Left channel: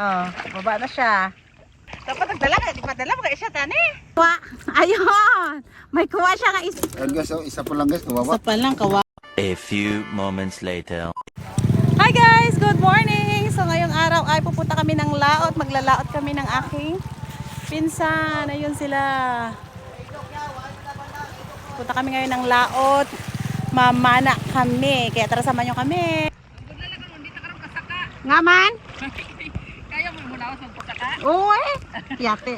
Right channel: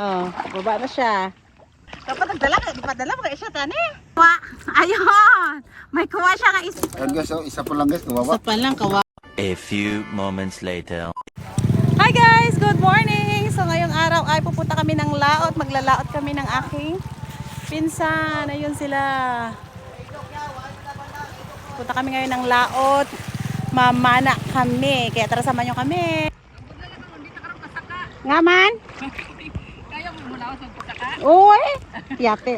Oh, baba na siya. Dapat nagdala ka, ipadala mo kaya siya tani. Kuha. Ayun. May kuha siya ka isa. Ayan guys, oh, isa po lang guys, kawawa. Isa pa lang kawa. A few moments later. Hi guys, good morning. So ngayong araw ay pupunta kami ng laot. Maglalaot kami ng aking pinsan. Ayun sila. Punta kami ngayon ng laot. Mamana kami. Kaya tara samahan nyo kami. Nga man? Kaya mo muna ako sa pagkaka. Uy, yate.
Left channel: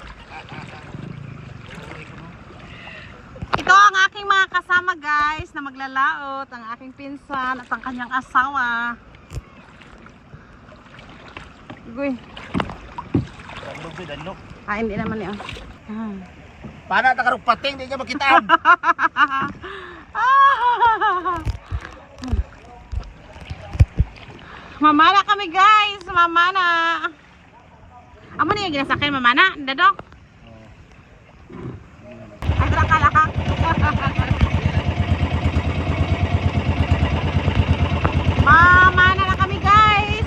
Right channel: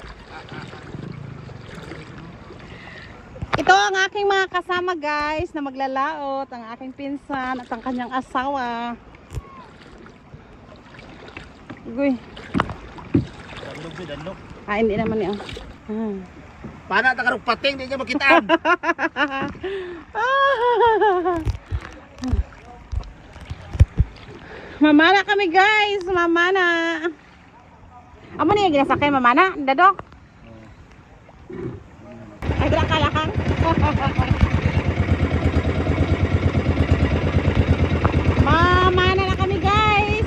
Ito ang aking mga kasama guys na maglalaot. Ang aking pinsan at ang kanyang asawa. Uy. Ah, hindi naman yan. Paano na karong pating, di niya makitaan. Mamana kami guys, mamana. Amo na yung ginasakyan, mamana, dado. Agra kalakak. Mamana na kami guys.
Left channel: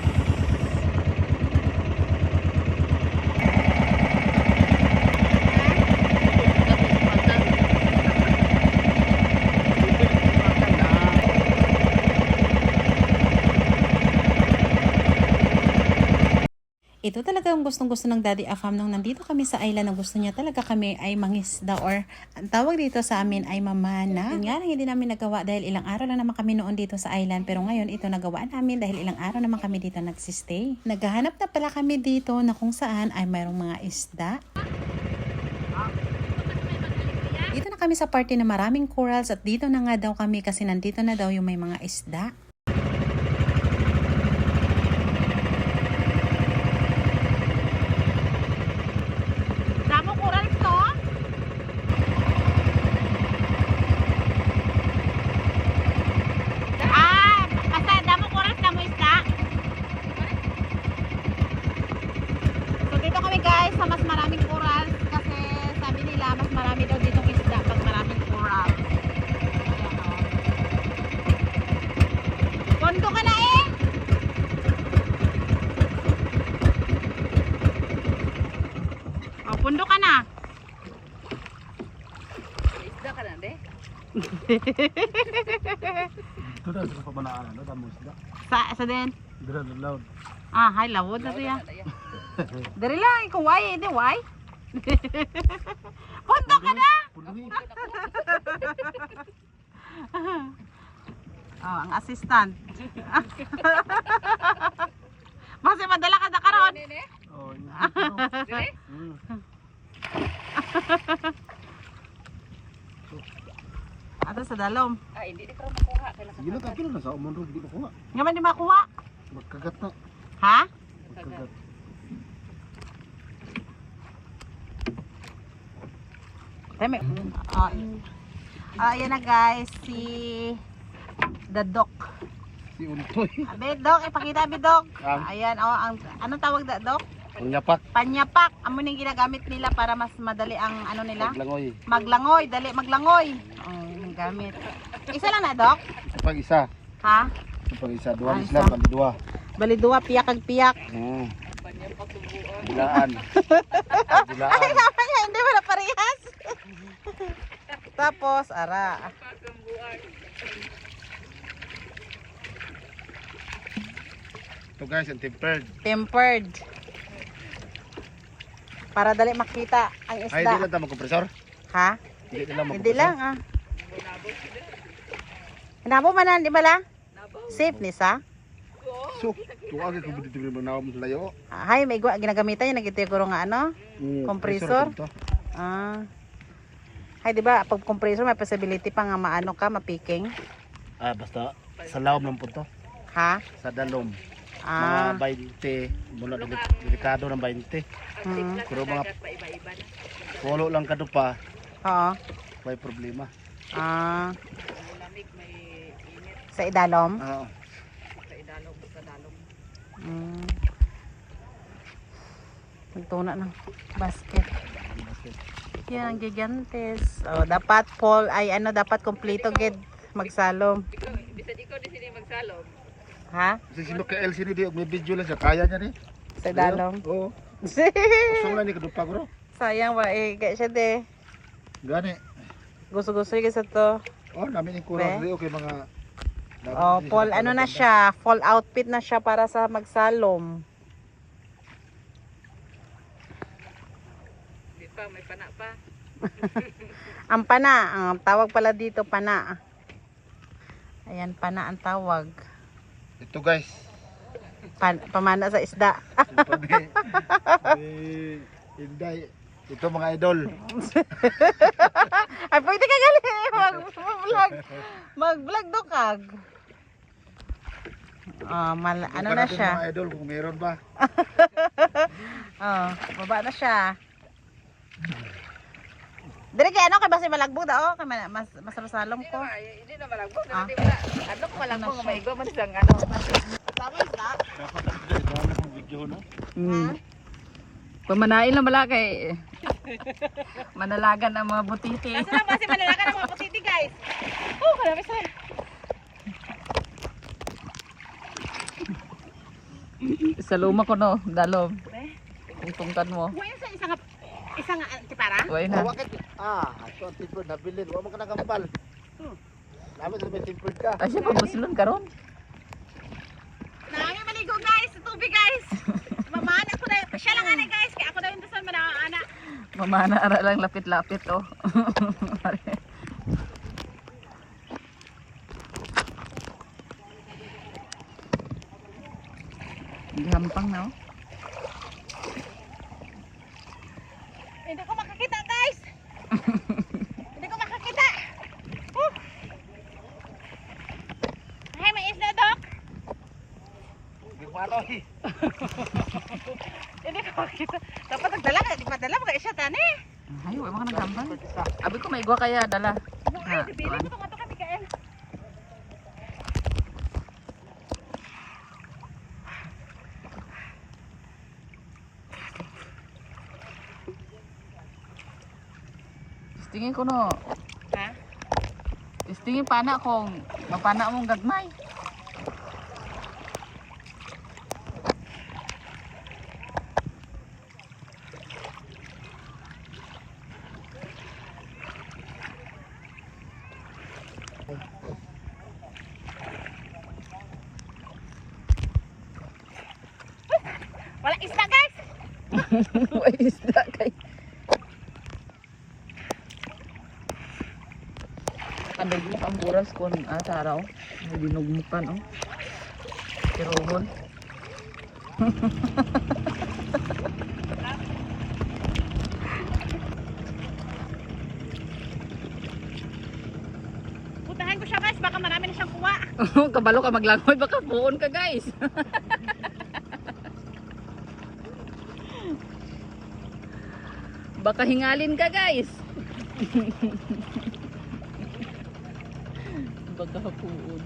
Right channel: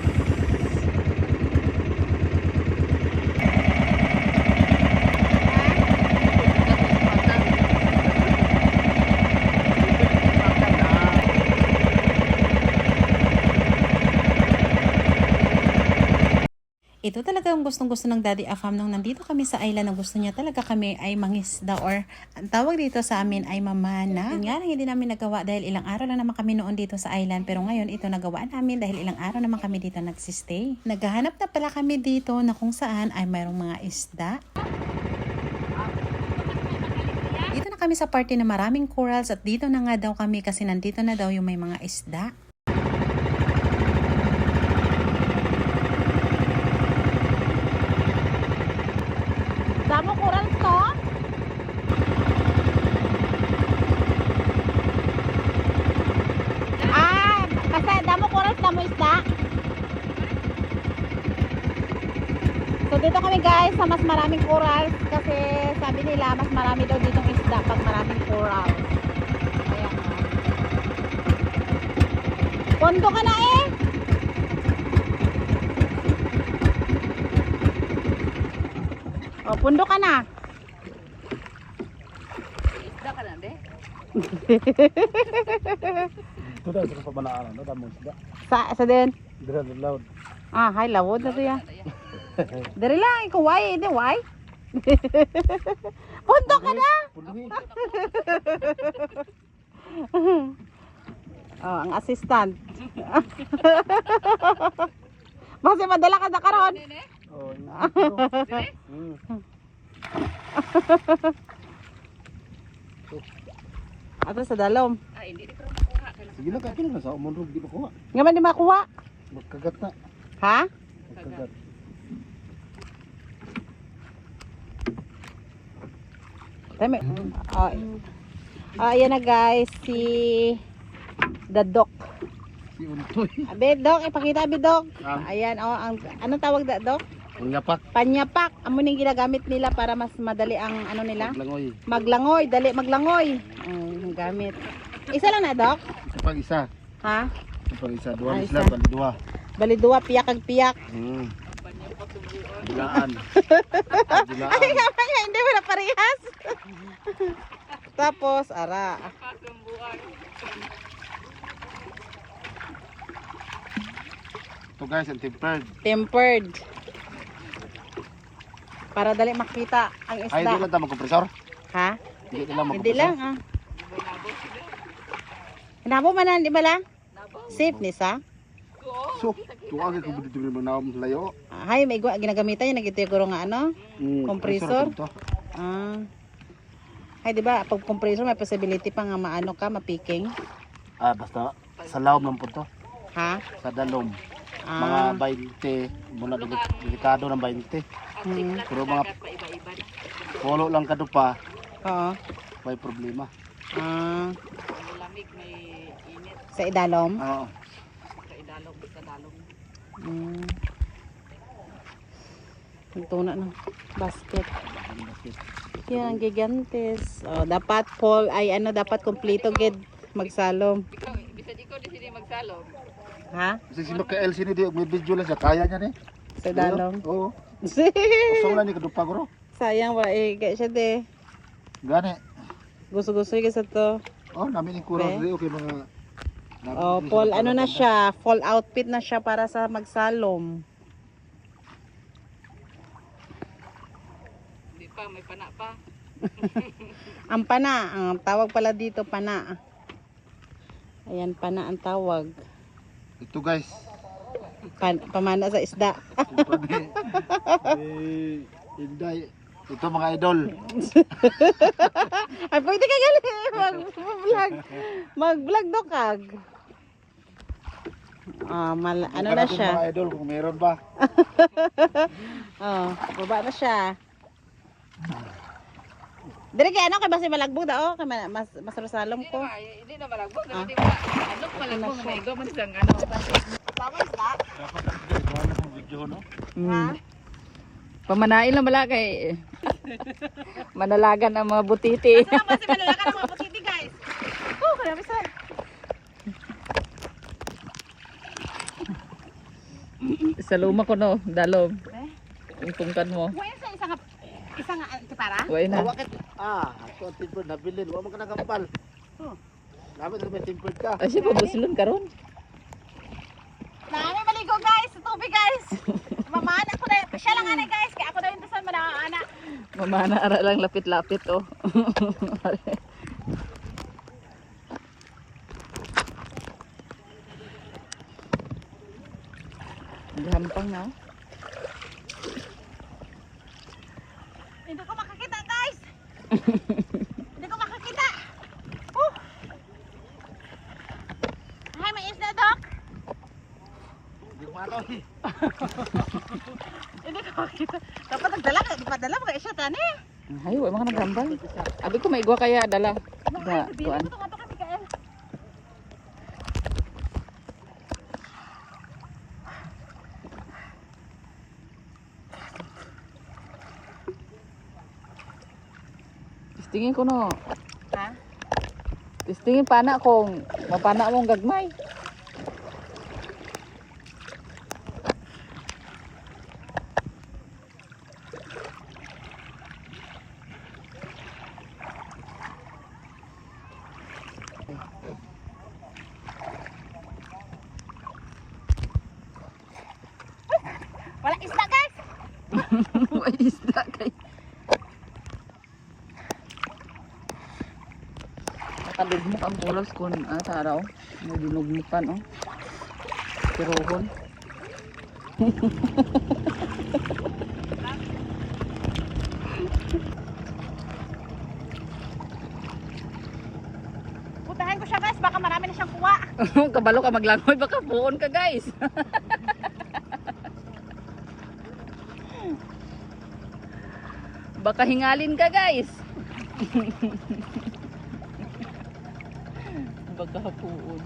Ito talaga ang gustong-gusto ng Daddy Afam nung nandito kami sa island na gusto niya talaga kami ay mangisda or ang tawag dito sa amin ay mamana. Yun nga lang hindi namin nagawa dahil ilang araw lang naman kami noon dito sa island pero ngayon ito nagawa namin dahil ilang araw naman kami dito nagsistay. Naghahanap na pala kami dito na kung saan ay mayroong mga isda. Dito na kami sa party na maraming corals at dito na nga daw kami kasi nandito na daw yung may mga isda. Damo coral to? Basta damo coral, damo isda. So dito kami guys sa mas maraming corals kasi sabi nila mas marami daw ditong isda pag maraming coral. Pondo ka na eh. O, pundo ka na. Isda ka na, de? Ito na, sa pamanaan, no? Damo isda. Sa din. Dira na loud. Ah, hay lawod na siya. Dari lang, ikaw why, hindi why? Pundo ka na. Oh, ang assistant. Mas madala ka na karon. Oh, Ato sa dalom. Ay, hindi ko makuha. sige na, kapil na sa umundog, di makuha. Nga man di makuha. Magkagat na. Ha? Magkagat. Tama. Oh. Ayan na guys, si Dadok. Si Untoy. Bedok, ipakita Bedok. Ang? Ayan, oh, ang anong tawag Dadok? Ang yapak. Panyapak. Amo ning ginagamit nila para mas madali ang ano nila. Maglangoy. Maglangoy, dali maglangoy. Ang gamit. Isa lang na, Dok? Isa pang isa. Ha? Isa pang isa. Duwa Ah, isla, isa. bali duwa. Bali duwa, piyak kag piyak. Bilaan. Ay, Bilaan. kamaya, hindi mo na parehas. Tapos, ara. Ito guys, ang tempered. Tempered. Para dali makita ang Ay, hindi isda. lang tama kompresor. Ha? Hindi lang Hindi lang, ah. Nabo man, di ba lang? Safe ni sa? So, tuwag ko dito rin na layo. Hay, may ginagamitan yung nagtitiguro nga ano? Compressor? to. Ah. Hay, di ba, pag compressor may possibility pa nga maano ka, mapiking. Ah, basta sa lawom lang po to. Ha? Sa dalom. Ah. Mga 20. Muna delikado ng 20. Hmm. Pero mga polo lang kado pa. Oo. May problema. Ah. Lamig, may init Sa idalom? Oo. sa idalong, sa dalong. Hmm. Ito na ng basket. Yan ang gigantes. Oh, dapat Paul ay ano dapat kompleto gid magsalom. Ikaw, bisan ikaw di sila magsalom. Ha? Kasi si Mikael sino di may video lang siya kaya niya ni. sa dalom. Oo. Usong lang ni kadupa ko ro. Sayang ba eh kaya siya de. Gani. Gusto-gusto yung isa to. Oh, namin yung kurang rin okay mga. Oh, fall ano na siya, fall outfit na siya para sa magsalom. Di pa, may pana pa. Ang pana, ang tawag pala dito pana. Ayan, pana ang tawag. Ito guys. Pamana sa isda. Inday. Ito mga idol. Ay, pwede ka gali. Mag-vlog. Mag-vlog do kag. Oh, ano na Ito siya. mga idol kung meron ba. Oh, baba na siya. Dire kay ano kay basi malagbog daw kay mas rosalom ko. Hindi na malagbog. Di ba? Ano ko malagbog? May go man isang ano. Tawag na. Wala kang video no. Pamanain lang bala kay manalagan ang mga butiti. Asa na basi manalakan ang mga putiti guys. Oh, karami sa. Sa luma ko no, dalom. Eh? Tungtungkan mo. Wa sa isang tipara. Way na. Bakit? Ako ang tempered nabilin. Huwag mo ka nagambal. Namin ko may tempered ka. Ay siya pabuslon karon. Naami maligo guys, sa tubig guys. Mamana ko na. Siya lang ana guys, kaya ako na yung dasan manaana. Mamana ara lang lapit-lapit oh. Gampang na oh. Hindi ko makakita guys. Hindi ko makakita. Ay, may isda dok. Hindi ko ano eh. Hindi ko makakita. Dapat nagdala ka, di pa dala mo kaya siya tani. Ay, wala mga naghambal. Abi ko maigwa kaya dala. Ay, bibili ko nga to kami kael. Testingin ko no. Ha? Testingin pana kung mapana mong gagmay. Wala isda guys. May isda kay. Kadugmok ang corals kun sa araw. Nagdugmukan oh. Tirohon. Putahan ko siya guys, baka marami na siyang kuha. Kabalo ka maglangoy baka puon ka guys. Baka hingalin ka guys. Baka puon.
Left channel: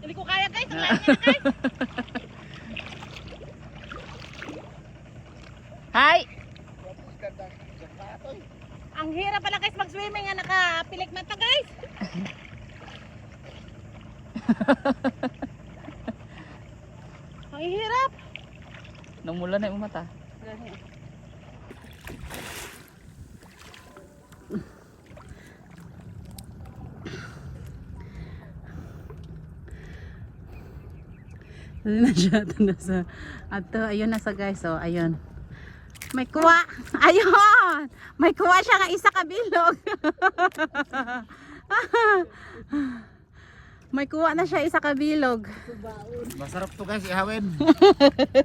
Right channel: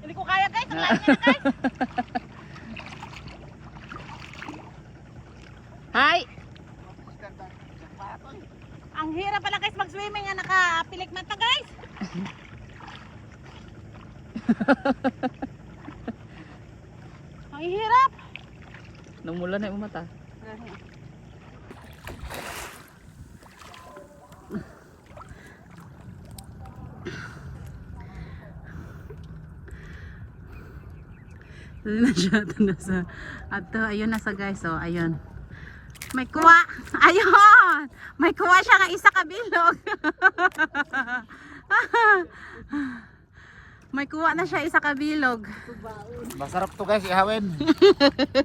Hindi ko kaya guys, ang layo niya na guys. Hi. Ang hirap pala guys mag-swimming nga nakapilik mata guys. Ang hirap. Namula na yung mata. Ayun na siya, ito na sa, ato, ayun na sa guys, oh, ayun. May kuha, ayun! May kuha siya nga isa kabilog. May kuha na siya isa kabilog. Masarap to guys, ihawin.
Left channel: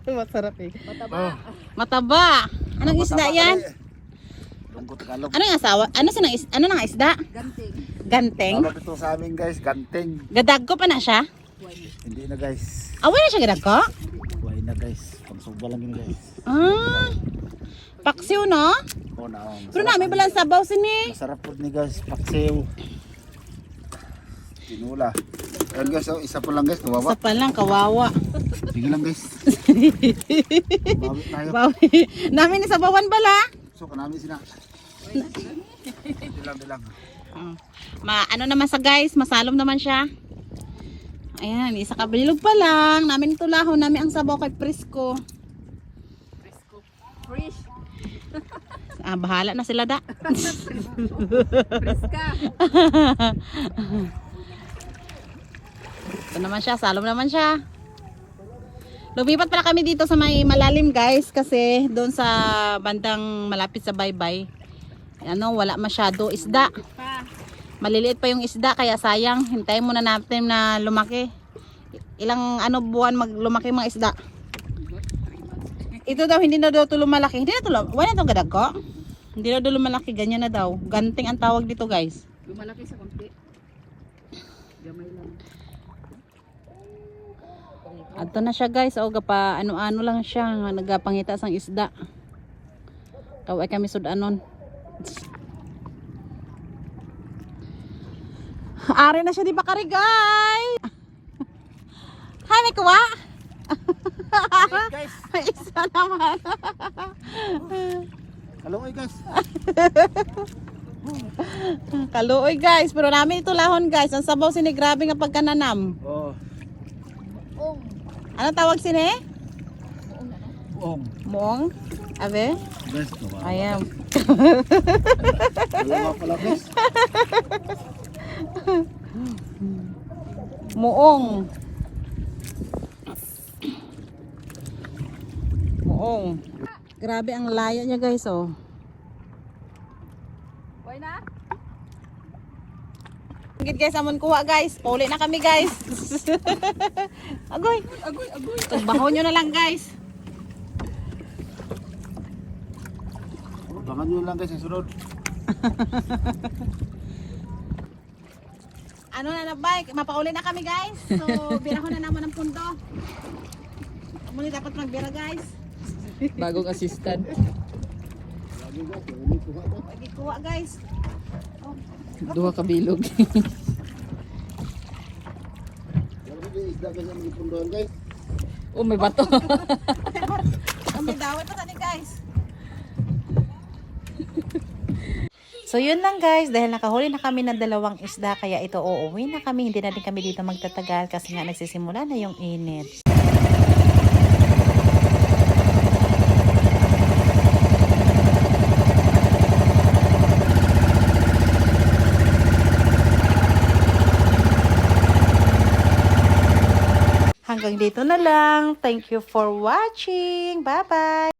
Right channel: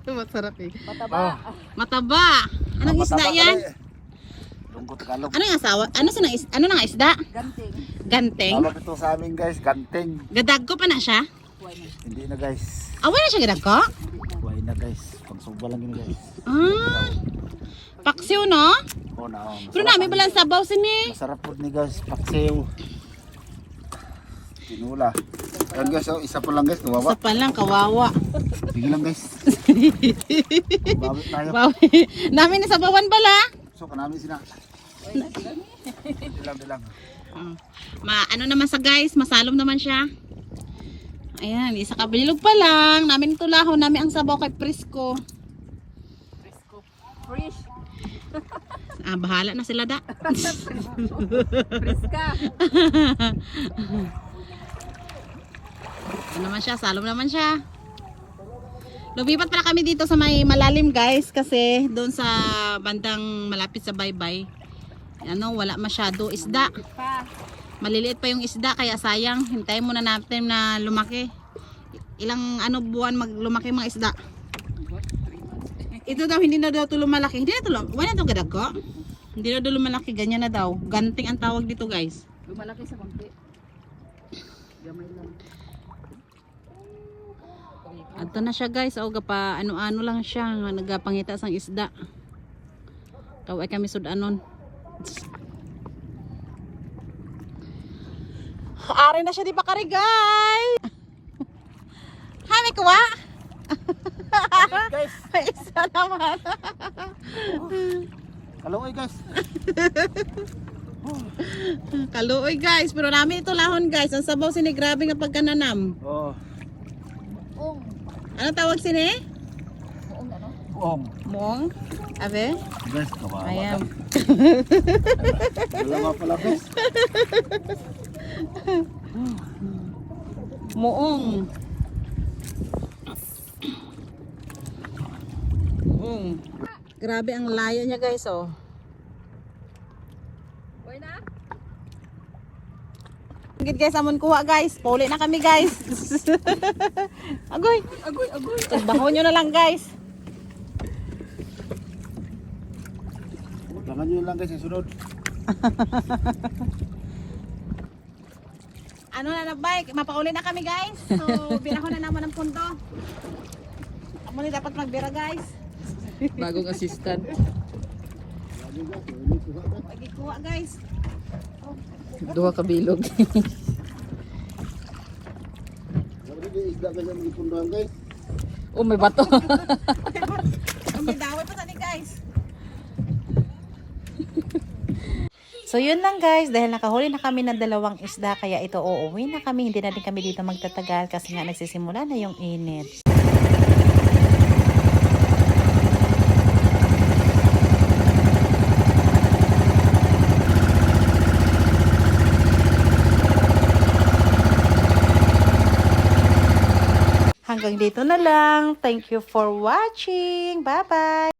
Masarap eh. Oh, Mataba. Anong isda yan? Tungkot Tagalog. Ano yung asawa? Ano nang isda? Ganteng. Ganteng? Tawag ito sa amin guys, ganteng. Gadag ko pa na siya? Hindi na guys. Away na siya gadag ko? Buhay na guys. Pangsuba lang yun guys. Ah, paksiw no? Oh, na, oh, Pero namin balang sabaw sini. masarap po ni guys, paksiw. Tinula. Ayan guys, oh, isa po lang guys, Sa kawawa. pa lang, kawawa. Sige lang guys. Bawi tayo. Namin ni sabawan bala. So kanami sila. Dilang. Ano naman sa guys, masalom naman siya. Ayan, isa kabilog pa lang. Namin tulahon, namin ang sabaw kay Prisco. Fresh. Bahala na sila da. Friska. Ito naman siya, salom naman siya. Lumipat pala kami dito sa may malalim guys kasi doon sa bandang malapit sa baybay. Wala masyado isda. Maliliit pa yung isda kaya sayang. Hintayin muna natin na lumaki. Ilang buwan lumaki mga isda. Ito daw hindi na daw ito lumalaki. Hindi na ito wala na itong gadag ko. Hindi na daw lumalaki. Ganyan na daw. Ganting ang tawag dito guys. Lumalaki sa konti. Gamay lang. Ato na siya guys. O gapa ano-ano lang siya. Nagapangita sang isda. Kaway kami sudanon. Ari na siya di ba kari guys? Hi, may kuwa? Guys, Isa naman. kaluoy guys. Kaluoy guys. Pero namin ito lahon guys. Ang sabaw sini grabe nga pagkananam. Oh, Ano tawag sini? buong. Muong? Abe? Guys, kawawa. Ayan. Dalawa pala guys. Muong. Muong. Grabe ang laya niya guys oh. Why na? Gid guys amon kuha guys. Puli na kami guys. Agoy. Tagbaho nyo na lang guys. Abangan nyo lang guys sa sunod. Ano na bike? Mapauli na kami guys. So birahon na naman ang pundo. Muna dapat magbira guys. Bagong assistant. Lagi kuha guys. Duha ka bilog. Lagi isda guys ang mga punduhan guys. May bato. May dawit pa sa ni guys. So yun lang guys, dahil nakahuli na kami ng 2 isda kaya ito uuwi na kami. Hindi na din kami dito magtatagal kasi nga nagsisimula na yung init. Hanggang dito na lang. Thank you for watching. Bye-bye!